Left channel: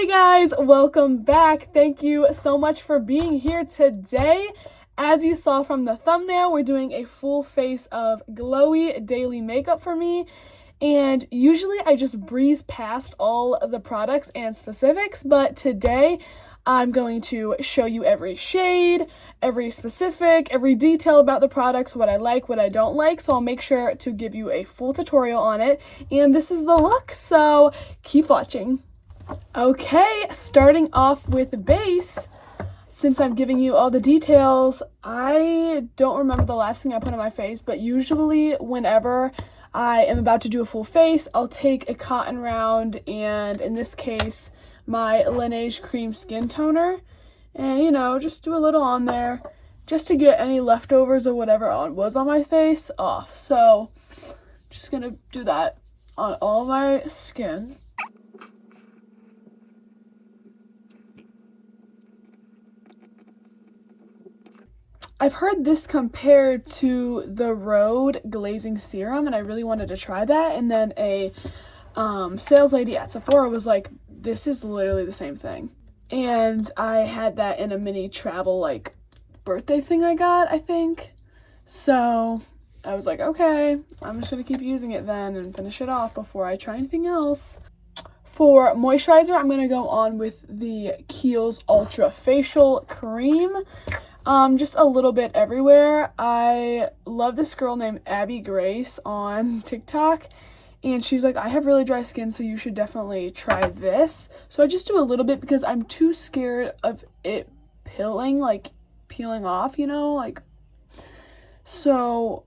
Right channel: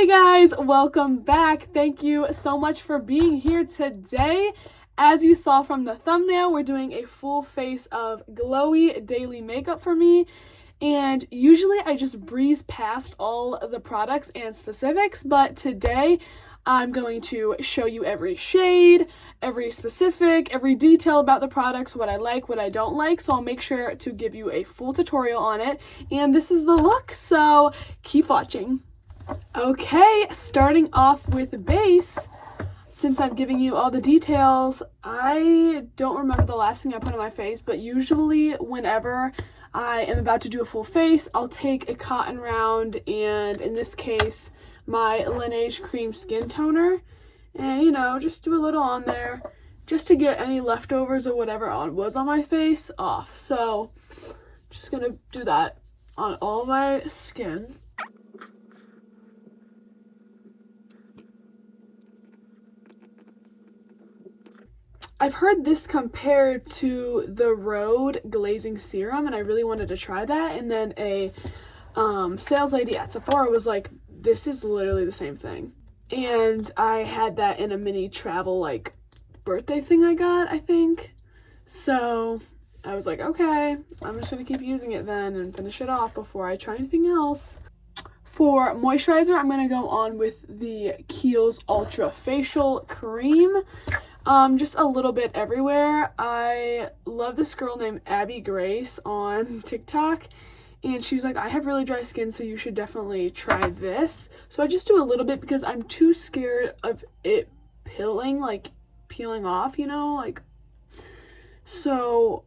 Hey guys, welcome back. Thank you so much for being here today. As you saw from the thumbnail, we're doing a full face of glowy daily makeup for me. And usually I just breeze past all of the products and specifics, but today I'm going to show you every shade, every specific, every detail about the products, what I like, what I don't like. So I'll make sure to give you a full tutorial on it. And this is the look, so keep watching. Okay, starting off with base. Since I'm giving you all the details, I don't remember the last thing I put on my face, but usually whenever I am about to do a full face, I'll take a cotton round, and in this case, my Laneige Cream Skin Toner, and just do a little on there, just to get any leftovers of whatever was on my face off. So, just gonna do that on all my skin. I've heard this compared to the Rhode Glazing Serum, and I really wanted to try that. And then a sales lady at Sephora was like, this is literally the same thing. And I had that in a mini travel, birthday thing I got, I think. So I was like, okay, I'm just going to keep using it then and finish it off before I try anything else. For moisturizer, I'm going to go on with the Kiehl's Ultra Facial Cream. Just a little bit everywhere. I love this girl named Abby Grace on TikTok, and she's like, I have really dry skin, so you should definitely try this. So I just do a little bit because I'm too scared of it peeling off, so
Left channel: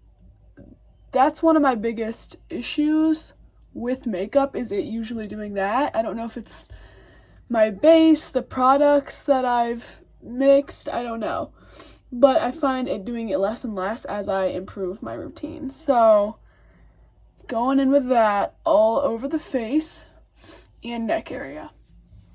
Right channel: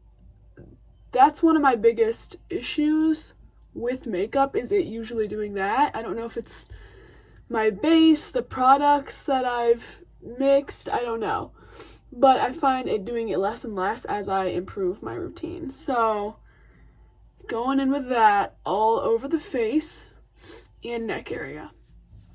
that's one of my biggest issues with makeup, is it usually doing that. I don't know if it's my base, the products that I've mixed, I don't know. But I find it doing it less and less as I improve my routine. So, going in with that all over the face and neck area.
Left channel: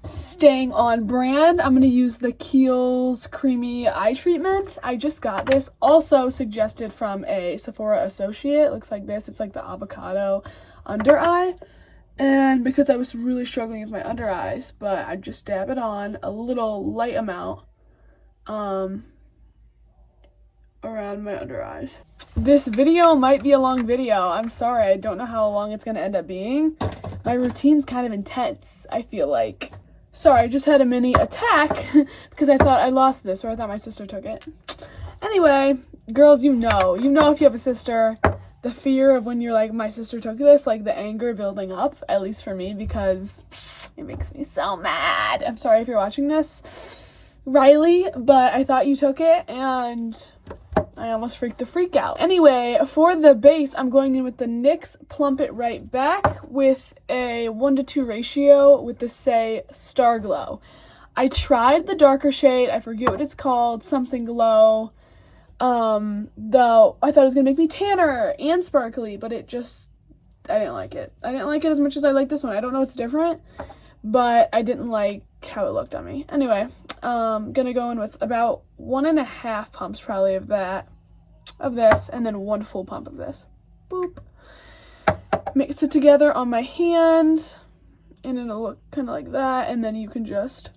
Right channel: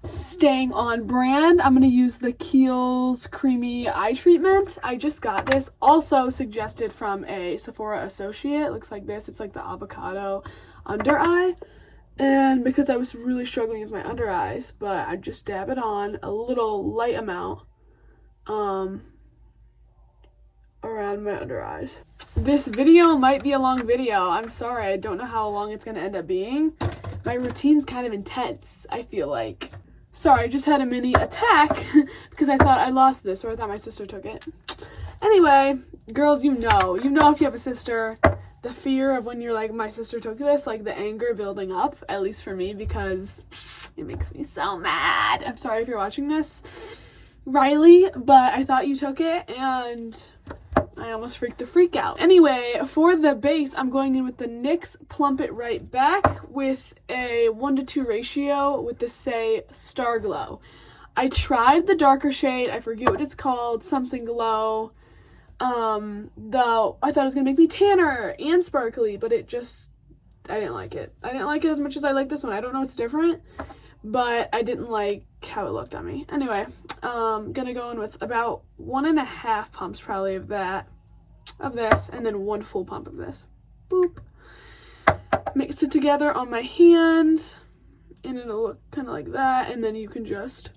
Staying on brand, I'm going to use the Kiehl's Creamy Eye Treatment. I just got this, also suggested from a Sephora associate. Looks like this. It's like the avocado under eye. And because I was really struggling with my under eyes, but I just dab it on a little light amount around my under eyes. This video might be a long video. I'm sorry. I don't know how long it's going to end up being. My routine's kind of intense, I feel like. Sorry, I just had a mini attack because I thought I lost this, or I thought my sister took it. Anyway, girls, if you have a sister, the fear of when you're like, my sister took this, the anger building up, at least for me, because it makes me so mad. I'm sorry if you're watching this, Riley, but I thought you took it, and I almost freaked the freak out. Anyway, for the base, I'm going in with the NYX Plump It Right Back with a 1:2 ratio with the Say Star Glow. I tried the darker shade, I forget what it's called, something glow, though I thought it was gonna make me tanner and sparkly, but I didn't like it. I didn't like it as much as I like this one. I don't know what's different, but I didn't like how it looked on me. Anyway, gonna go in with about 1.5 pumps probably of this, and then 1 full pump of this. Boop. Mix it together on my hand, and it'll look kind of like that, and then you can just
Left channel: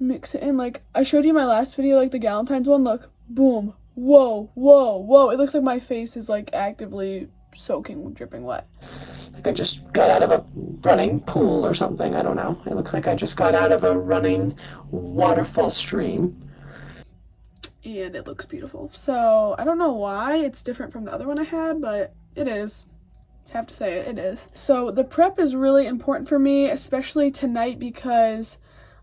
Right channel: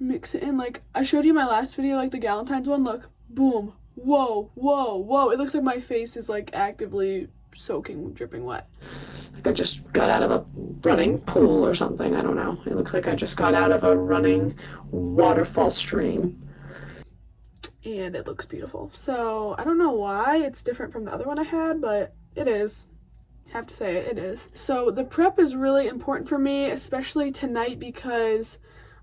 mix it in like I showed you in my last video, the Galentine's one. Look, boom, whoa, whoa, whoa. It looks like my face is actively soaking, dripping wet. I just got out of a running pool or something. I don't know. It looks like I just got out of a running waterfall stream. And it looks beautiful. So I don't know why it's different from the other one I had, but it is. I have to say it is. So the prep is really important for me, especially tonight, because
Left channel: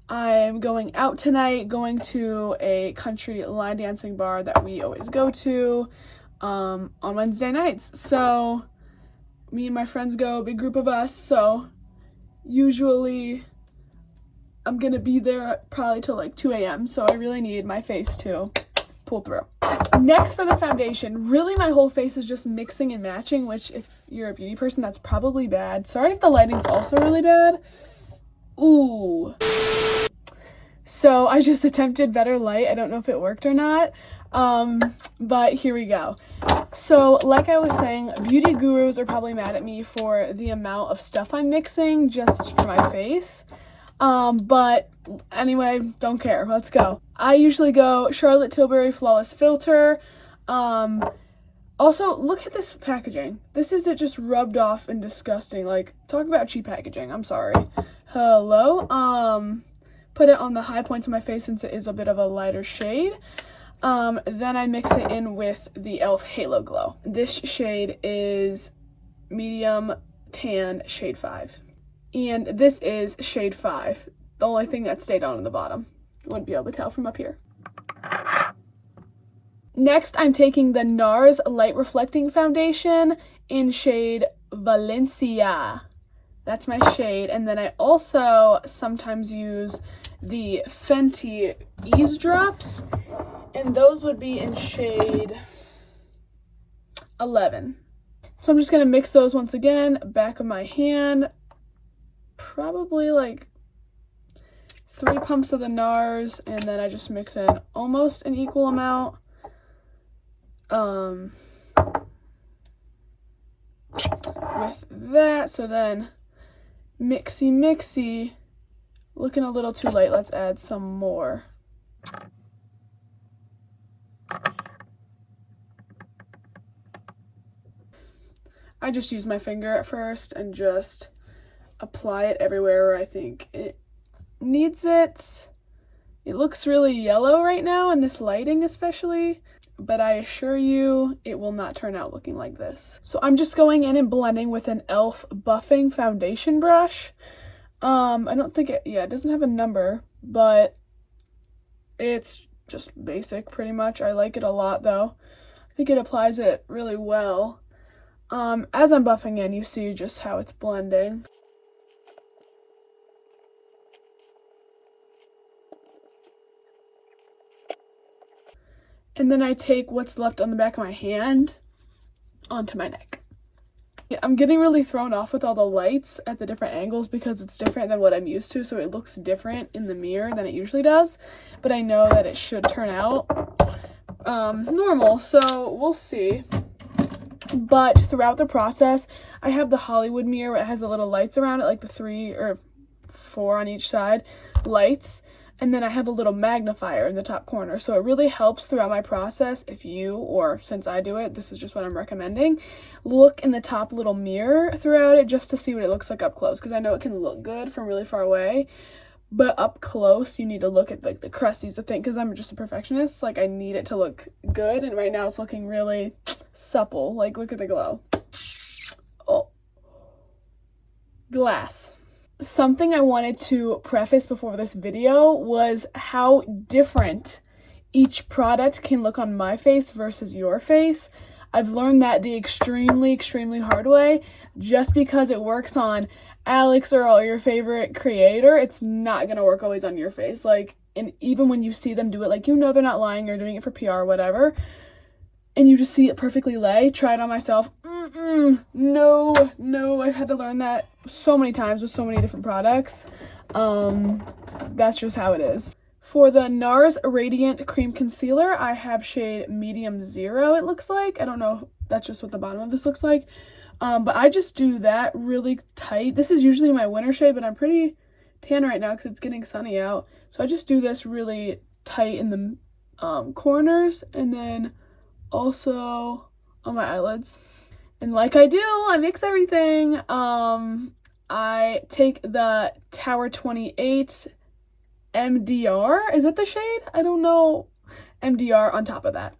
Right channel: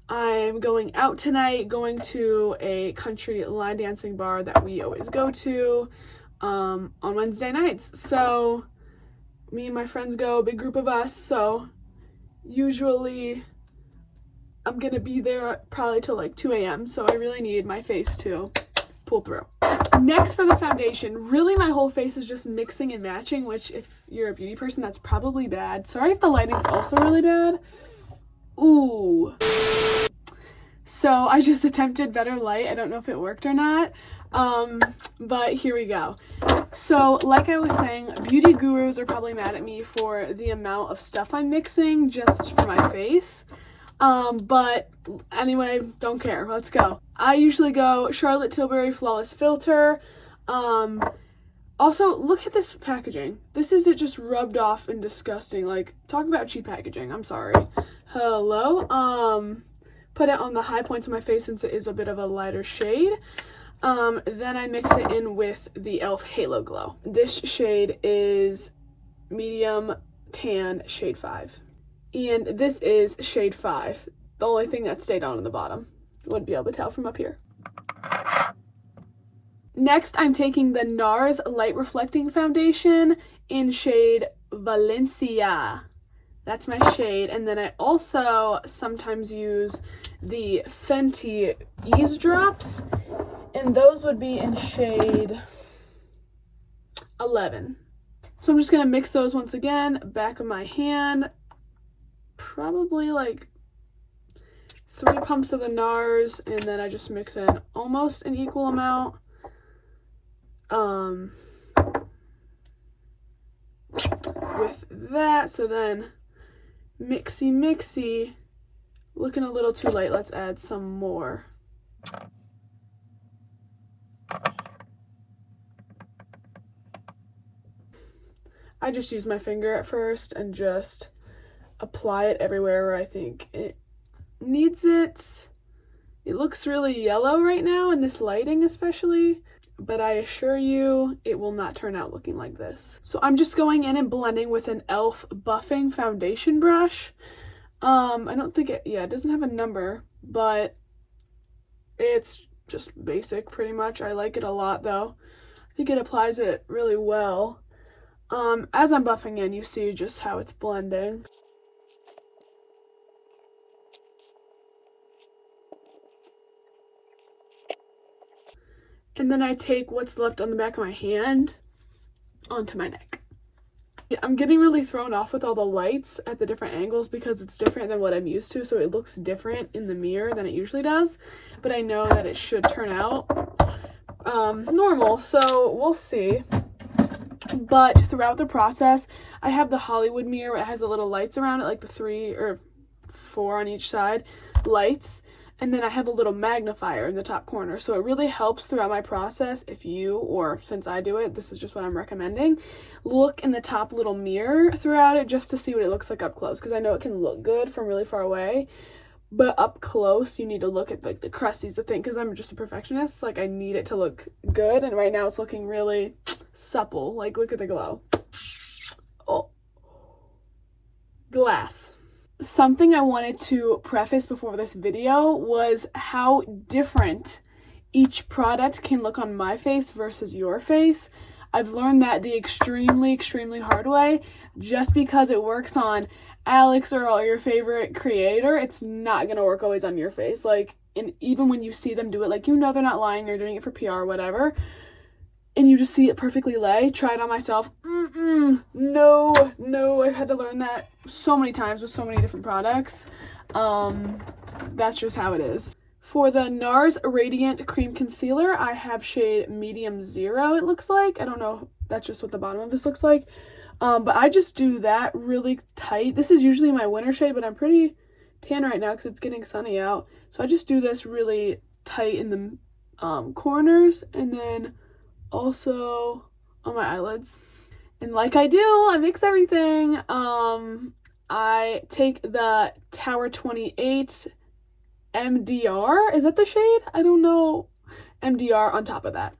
I'm going out tonight, going to a country line dancing bar that we always go to on Wednesday nights. So me and my friends go, a big group of us, so usually I'm gonna be there probably till 2 a.m. so I really need my face to pull through. Next, for the foundation, really my whole face is just mixing and matching, which if you're a beauty person, that's probably bad. Sorry if the lighting's also really bad. Ooh. So I just attempted better light. I don't know if it worked or not. But here we go. So like I was saying, beauty gurus are probably mad at me for the amount of stuff I'm mixing just for my face. But anyway, don't care. Let's go. I usually go Charlotte Tilbury Flawless Filter. Also, look at this packaging. This isn't just rubbed off and disgusting. Like, talk about cheap packaging. I'm sorry. Hello. Put it on the high points of my face since it is a bit of a lighter shade. Then I mix it in with the e.l.f. Halo Glow. This shade is medium tan shade 5. And this is shade 5. The only thing that stayed on the bottom. You wouldn't be able to tell from up here. Next, I'm taking the NARS Light Reflecting Foundation in shade Valencia. That's my shade. And then I also sometimes use the Fenty Ease Drops, and those would be in shade 11. So I'm just going to mix those once again, back of my hand, probably like 3 pumps of the NARS, and then I just mix in almost an equal amount. With that, so then mixy, looking a little too light, let's add some more. I just use my finger at first and just apply it everywhere where I think it needs it. It looks really yellow right now in this lighting especially, but I assure you it will not turn out looking like this. So I'm just going in and blending with an e.l.f. buffing foundation brush. I don't think it doesn't have a number, but it's just basic pretty much. I like it a lot though. I think it applies it really well. As I'm buffing in, you see just how it's blending. And then I take what's left on the back of my hand onto my neck. I'm getting really thrown off with all the lights at the different angles because it's different than what I'm used to, so it looks different in the mirror than it usually does, but I know that it should turn out normal, so we'll see. But throughout the process, I have the Hollywood mirror. It has the little lights around it, like the 3 or 4 on each side lights. And then I have a little magnifier in the top corner. So it really helps throughout my process if you, or since I do it, this is just what I'm recommending, look in the top little mirror throughout it just to see what it looks like up close. Because I know it can look good from really far away, but up close you need to look at like the crusties, the thing, because I'm just a perfectionist. Like I need it to look good, and right now it's looking really supple. Like look at the glow. Oh, glass. Something I wanted to preface before this video was how different each product can look on my face versus your face. I've learned that the extremely hard way. Just because it works on Alex or your favorite creator, it's not gonna work always on your face. Like, and even when you see them do it, like, you know they're not lying or doing it for PR or whatever, and you just see it perfectly lay. Try it on myself. No, I've had to learn that so many times with so many different products. That's just how it is. For the NARS Radiant Cream Concealer, I have shade Medium 0, it looks like. I don't know, that's just what the bottom of this looks like. But I just do that really tight. This is usually my winter shade, but I'm pretty tan right now because it's getting sunny out. So I just do this really tight in the corners, and then also on my eyelids. And like I do, I mix everything. I take the Tower 28 MDR, is that the shade? I don't know. MDR on top of that.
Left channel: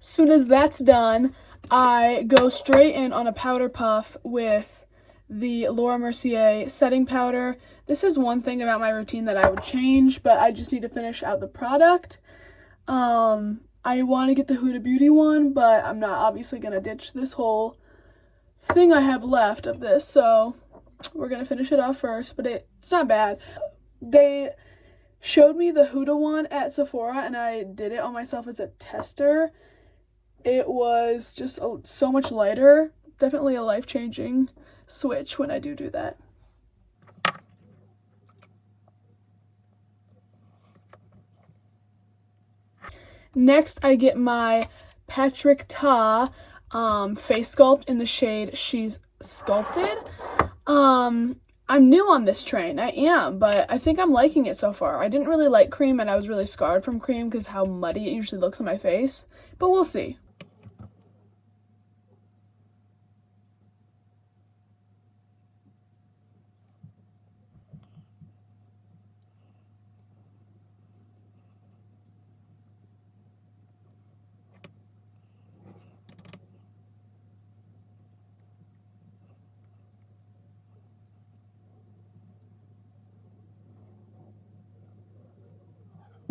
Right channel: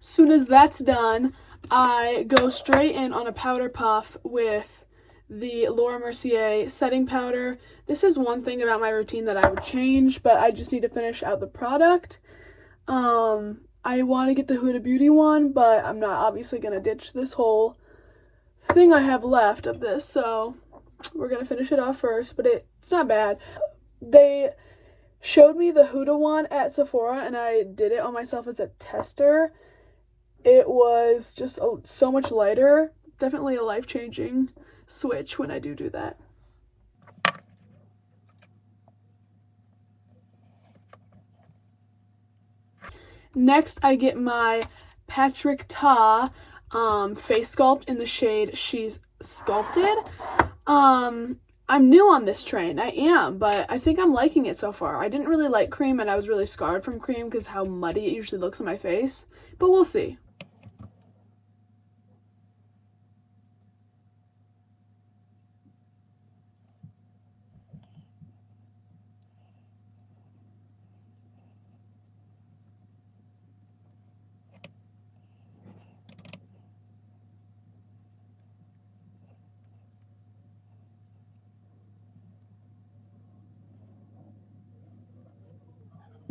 Soon as that's done, I go straight in on a powder puff with the Laura Mercier setting powder. This is one thing about my routine that I would change, but I just need to finish out the product. I want to get the Huda Beauty one, but I'm not obviously going to ditch this whole thing I have left of this, so we're going to finish it off first, but it's not bad. showed me the Huda one at Sephora, and I did it on myself as a tester. It was just so much lighter. Definitely a life-changing switch when I do that. Next, I get my Patrick Ta face sculpt in the shade She's Sculpted. I'm new on this train. I am, but I think I'm liking it so far. I didn't really like cream, and I was really scarred from cream because how muddy it usually looks on my face. But we'll see.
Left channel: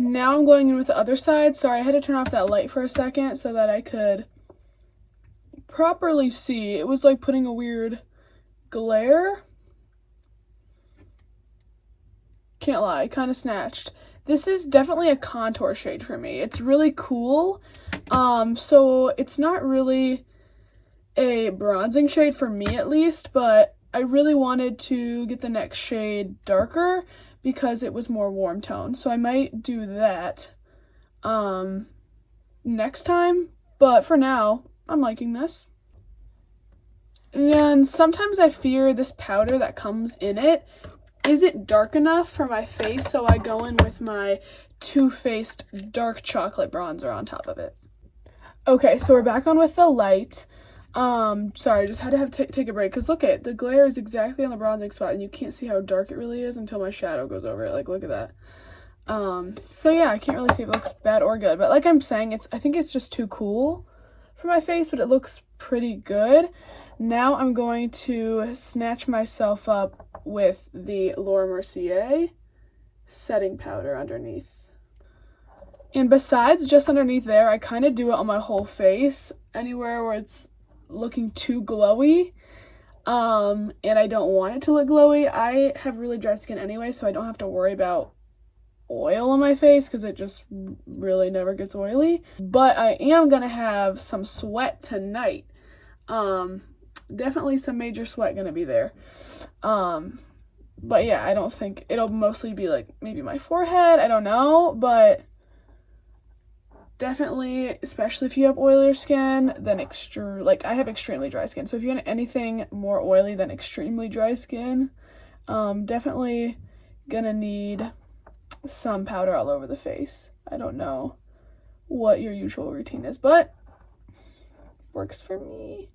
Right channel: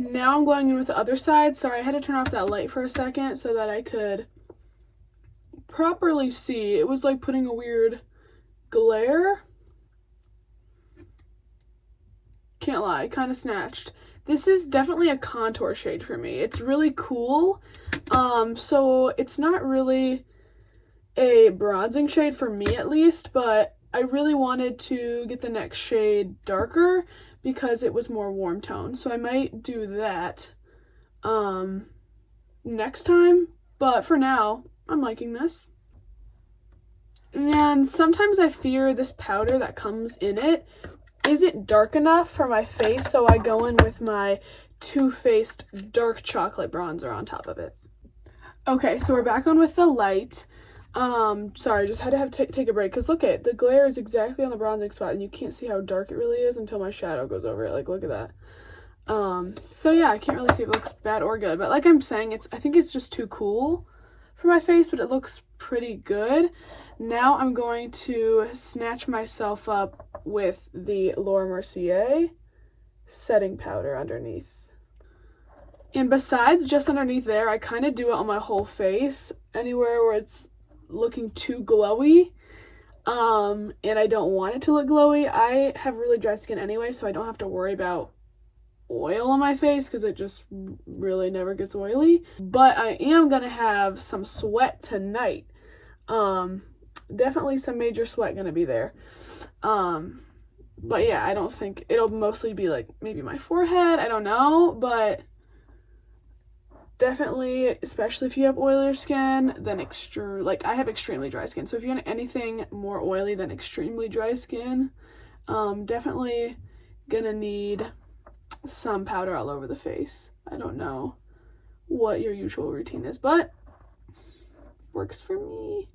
Now I'm going in with the other side. Sorry, I had to turn off that light for a second so that I could properly see. It was like putting a weird glare. Can't lie, kind of snatched. This is definitely a contour shade for me. It's really cool. So it's not really a bronzing shade for me at least, but I really wanted to get the next shade darker because it was more warm tone. So I might do that next time, but for now, I'm liking this. And sometimes I fear this powder that comes in it isn't dark enough for my face, so I go in with my Too Faced dark chocolate bronzer on top of it. Okay, so we're back on with the light. Sorry, just had to take a break because look at the glare is exactly on the bronzing spot, and you can't see how dark it really is until my shadow goes over it. Like, look at that. So yeah, I can't really see if it looks bad or good, but like I'm saying, I think it's just too cool for my face, but it looks pretty good. Now I'm going to snatch myself up with the Laura Mercier setting powder underneath. And besides just underneath there, I kind of do it on my whole face, anywhere where it's looking too glowy, and I don't want it to look glowy. I have really dry skin anyway, so I don't have to worry about oil on my face because it just really never gets oily. But I am gonna have some sweat tonight. Definitely some major sweat gonna be there. But yeah, I don't think it'll mostly be like maybe my forehead, I don't know, but definitely, especially if you have oilier skin, then I have extremely dry skin. So if you want anything more oily than extremely dry skin, definitely gonna need some powder all over the face. I don't know what your usual routine is, but works for me.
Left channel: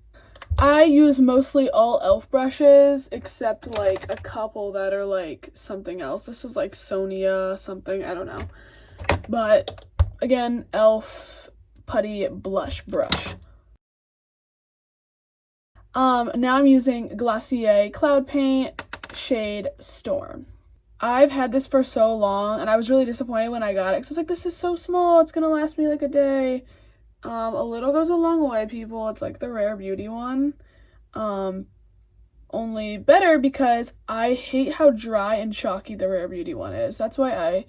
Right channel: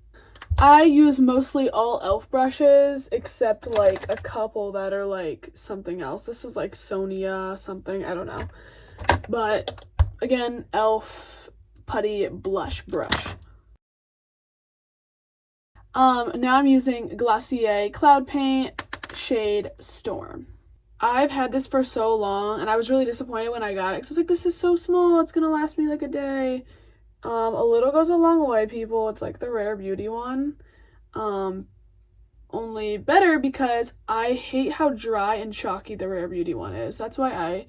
I use mostly all e.l.f. brushes, except like a couple that are like something else. This was like Sonia something, I don't know. But again, e.l.f. putty blush brush. Now I'm using Glossier Cloud Paint shade Storm. I've had this for so long, and I was really disappointed when I got it, because I was like, this is so small, it's gonna last me like a day. A little goes a long way, people. It's like the Rare Beauty one. Only better because I hate how dry and chalky the Rare Beauty one is. That's why I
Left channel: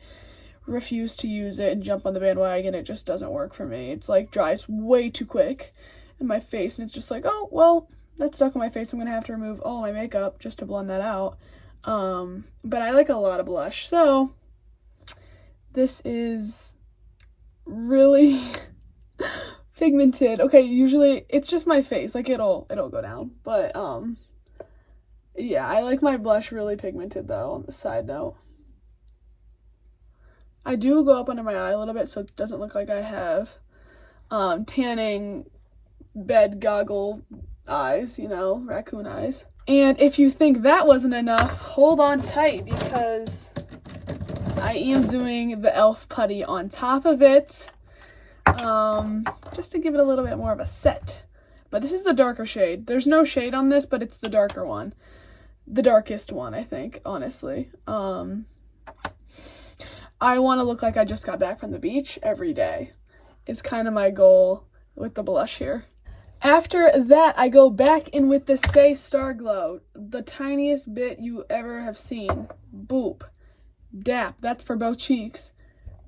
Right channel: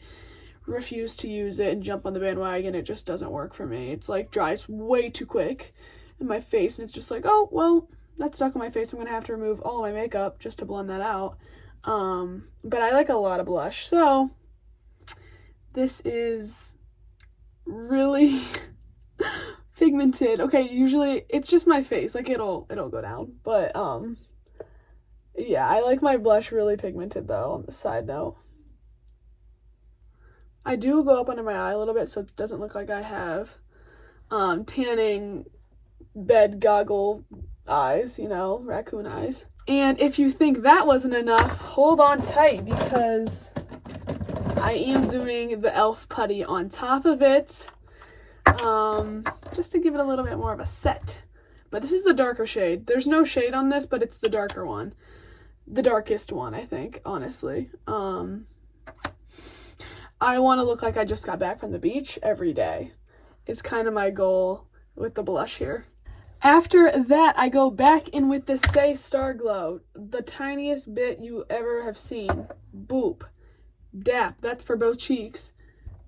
refuse to use it and jump on the bandwagon. It just doesn't work for me. It's like dries way too quick in my face, and it's just like, oh, well, that's stuck on my face. I'm gonna have to remove all of my makeup just to blend that out. But I like a lot of blush, so this is really pigmented. Okay, usually it's just my face, like it'll go down, but yeah, I like my blush really pigmented though. On the side note, I do go up under my eye a little bit so it doesn't look like I have tanning bed goggle eyes, you know, raccoon eyes. And if you think that wasn't enough, hold on tight because I am doing the e.l.f. putty on top of it, just to give it a little bit more of a set. But this is the darker shade. There's no shade on this, but it's the darker one. The darkest one, I think, honestly. I want to look like I just got back from the beach every day. It's kind of my goal with the blush here. After that, I go back in with the Say Star Glow, the tiniest bit you ever have seen. Boop. dap, that's for both cheeks,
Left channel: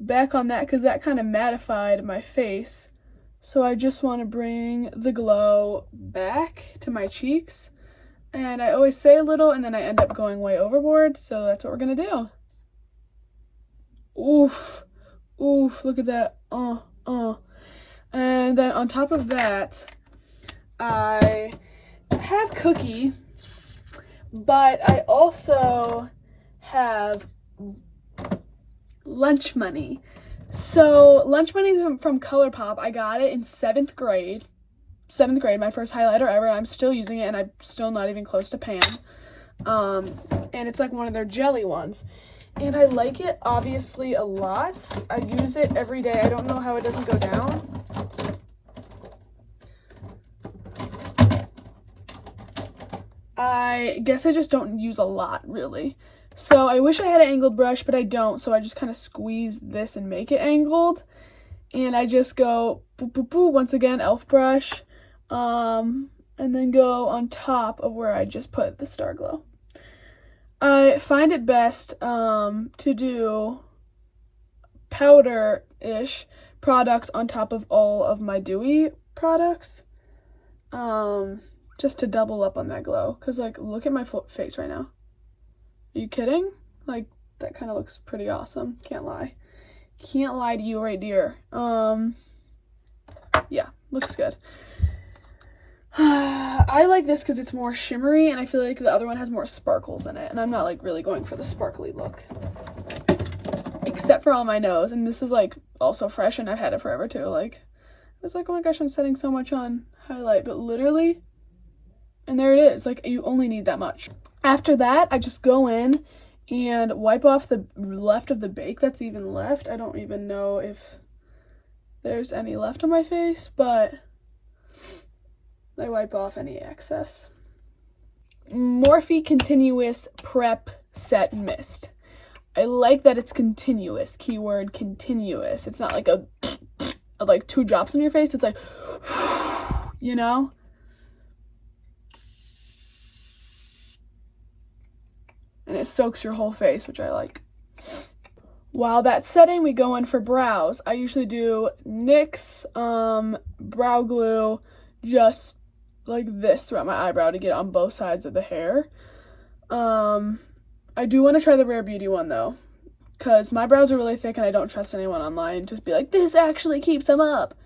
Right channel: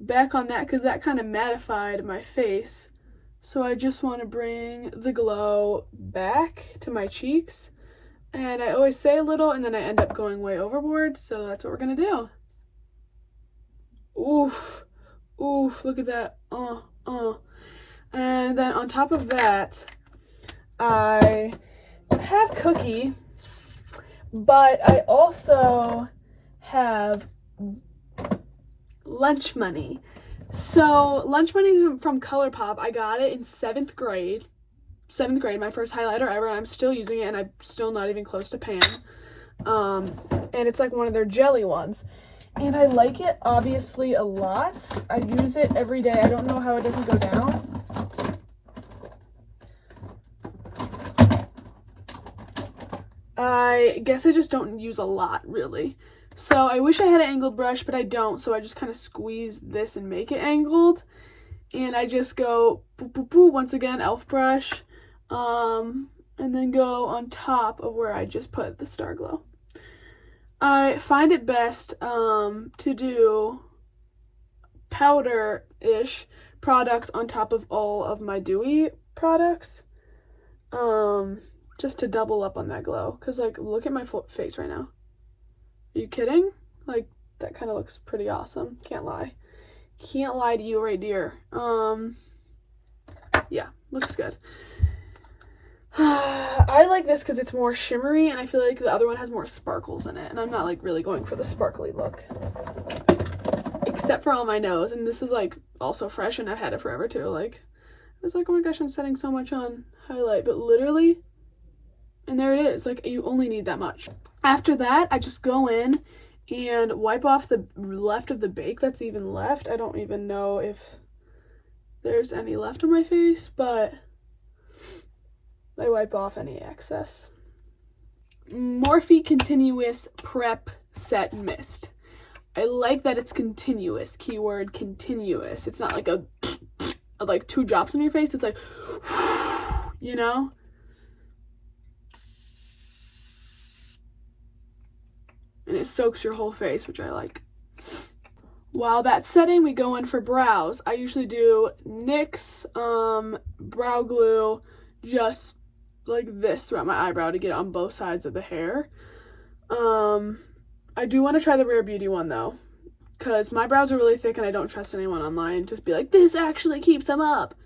back on that because that kind of mattified my face. So I just want to bring the glow back to my cheeks. And I always say a little and then I end up going way overboard, so that's what we're gonna do. Oof, oof, look at that. And then on top of that, I have Cookie, but I also have Lunch Money. So Lunch Money is from ColourPop. I got it in 7th grade, my first highlighter ever, and I'm still using it, and I'm still not even close to pan. And it's like one of their jelly ones. And I like it, obviously, a lot. I use it every day. I don't know how it doesn't go down. I guess I just don't use a lot, really. So I wish I had an angled brush, but I don't. So I just kind of squeeze this and make it angled. And I just go boop, boop, boop. Once again, e.l.f. brush. And then go on top of where I just put the Star Glow. I find it best to do powder-ish products on top of all of my dewy products. Just to double up on that glow. Because, like, look at my face right now. Are you kidding? Like, that kind of looks pretty awesome. Can't lie. Can't lie to you right, dear. Yeah, looks good. I like this because it's more shimmery, and I feel like the other one has more sparkles in it, and I'm not, like, really going for the sparkly look. Except for on my nose, and this is, like, also fresh, and I've had it forever, too. Like, I was like, oh my gosh, I'm setting so much on highlight, but literally, and there it is. Like, you only need that much. After that, I just go in and wipe off the left of the bake that's even left. I don't even know if there's any left on my face, but I wipe off any excess. Morphe Continuous Prep Set Mist. I like that it's continuous. Keyword continuous. It's not like a like 2 drops on your face. It's like, you know? And it soaks your whole face, which I like. While that's setting, we go in for brows. I usually do NYX brow glue just like this throughout my eyebrow to get on both sides of the hair. I do want to try the Rare Beauty one though, because my brows are really thick and I don't trust anyone online. Just be like, this actually keeps them up.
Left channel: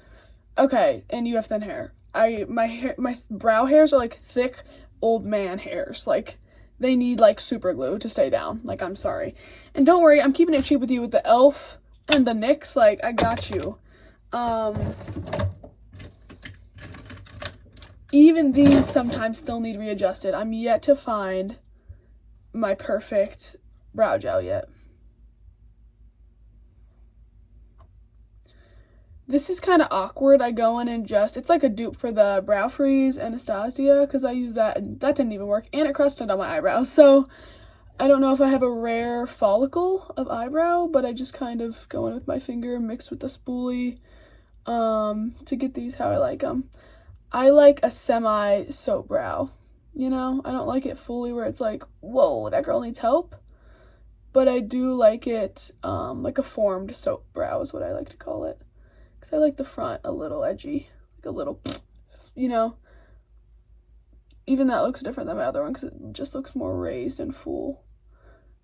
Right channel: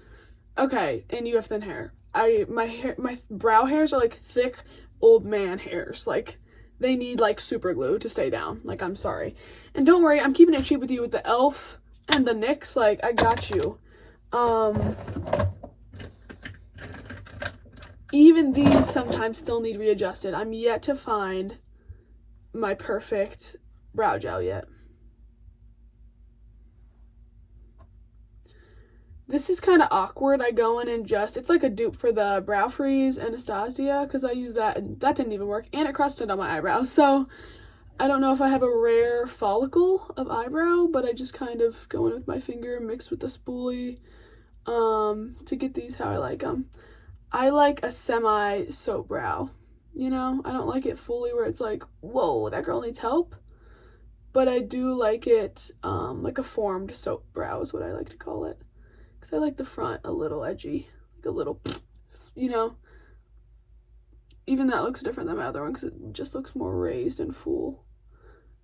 Okay, and you have thin hair. My brow hairs are like thick old man hairs. Like, they need like super glue to stay down. Like, I'm sorry. And don't worry, I'm keeping it cheap with you with the e.l.f. and the NYX. Like, I got you. Even these sometimes still need readjusted. I'm yet to find my perfect brow gel yet. This is kind of awkward. I go in and just, it's like a dupe for the Brow Freeze Anastasia, because I used that and that didn't even work, and it crusted on my eyebrows. So I don't know if I have a rare follicle of eyebrow, but I just kind of go in with my finger mixed with the spoolie to get these how I like them. I like a semi soap brow, you know? I don't like it fully where it's like, whoa, that girl needs help. But I do like it like a formed soap brow is what I like to call it. Because I like the front a little edgy, like a little, you know. Even that looks different than my other one because it just looks more raised and full.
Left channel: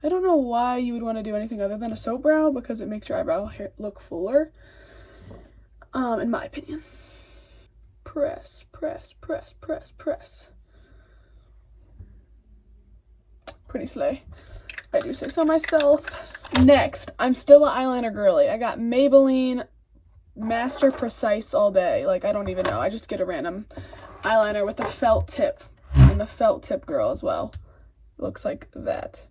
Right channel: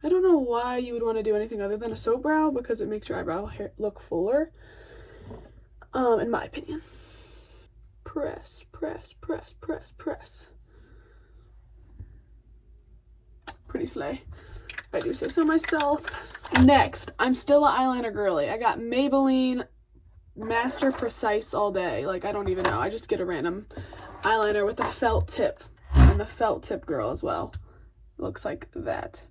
I don't know why you would want to do anything other than a soap brow, because it makes your eyebrow hair look fuller, in my opinion. Press, press, press, press, press. Pretty slay. I do say so myself. Next, I'm still an eyeliner girly. I got Maybelline Master Precise all day. Like, I don't even know. I just get a random eyeliner with a felt tip. I'm a felt tip girl as well. Looks like that.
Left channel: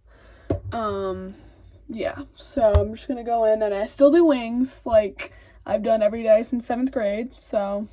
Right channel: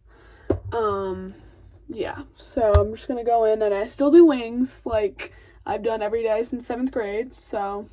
Yeah. So I'm just gonna go in, and I still do wings like I've done every day since 7th grade. So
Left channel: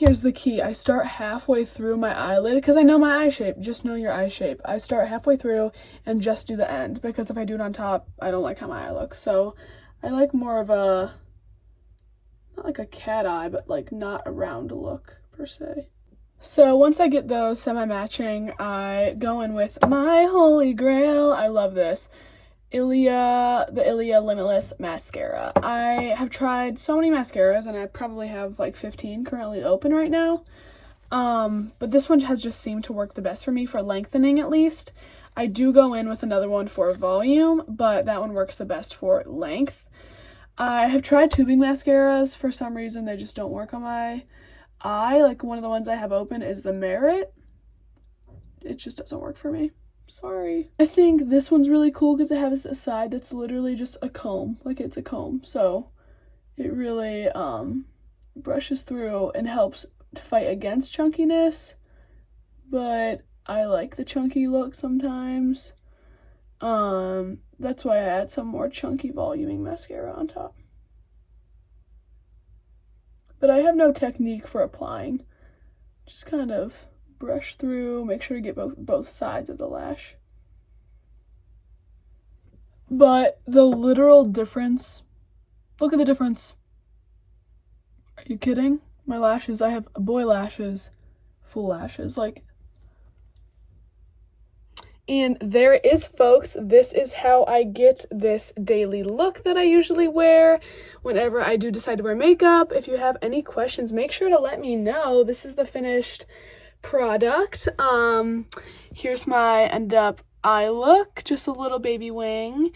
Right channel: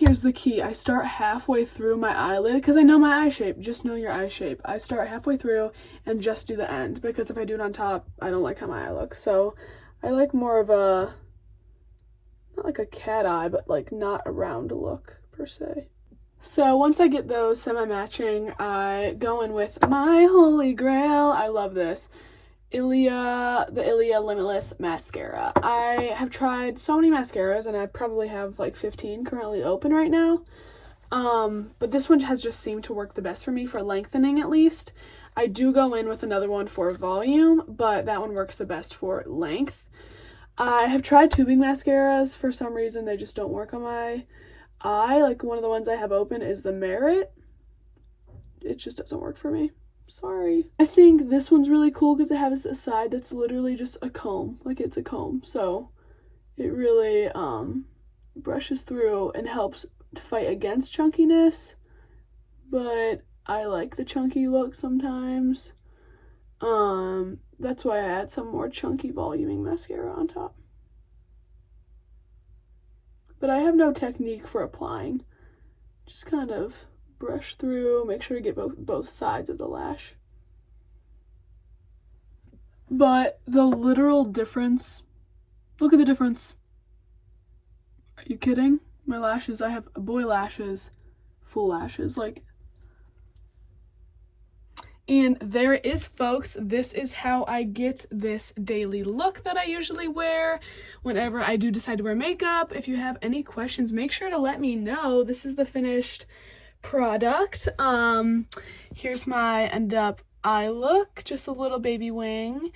Here's the key. I start halfway through my eyelid because I know my eye shape. Just know your eye shape. I start halfway through and just do the end, because if I do it on top, I don't like how my eye looks. So I like more of a, not like a cat eye, but like not a round look per se. So once I get those semi-matching, I go in with my holy grail. I love this. The Ilia Limitless Mascara. I have tried so many mascaras, and I probably have like 15 currently open right now. But this one has just seemed to work the best for me for lengthening, at least. I do go in with another one for volume, but that one works the best for length. I have tried tubing mascaras. For some reason, they just don't work on my eye. Like, one of the ones I have open is the Merit. It just doesn't work for me. Sorry. I think this one's really cool because it has a side that's literally just a comb. Like, it's a comb. So it really brushes through and helps fight against chunkiness. But I like the chunky look sometimes. That's why I add some more chunky voluming mascara on top. But I have no technique for applying. Just kind of brush through, make sure to get both sides of the lash. But the literal difference, look at the difference. Are you kidding? My lashes, I have boy lashes, full lashes, like. And there it is, folks. This is how I get this daily look that I usually wear whenever I do decide to wear makeup. If you have any questions, make sure to let me know. This is the finished product. Here's my end up eye look, just a little baby wing.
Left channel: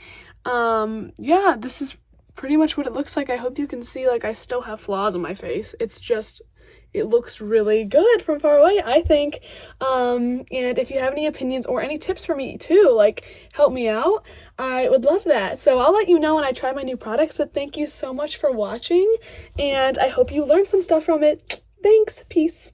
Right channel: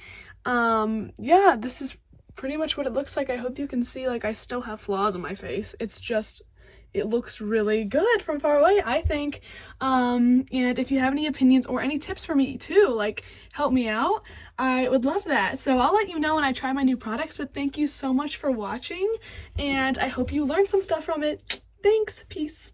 Yeah, this is pretty much what it looks like. I hope you can see, like, I still have flaws on my face. It's just, it looks really good from far away, I think. And if you have any opinions or any tips for me too, like, help me out, I would love that. So I'll let you know when I try my new products, but thank you so much for watching, and I hope you learned some stuff from it. Thanks, peace.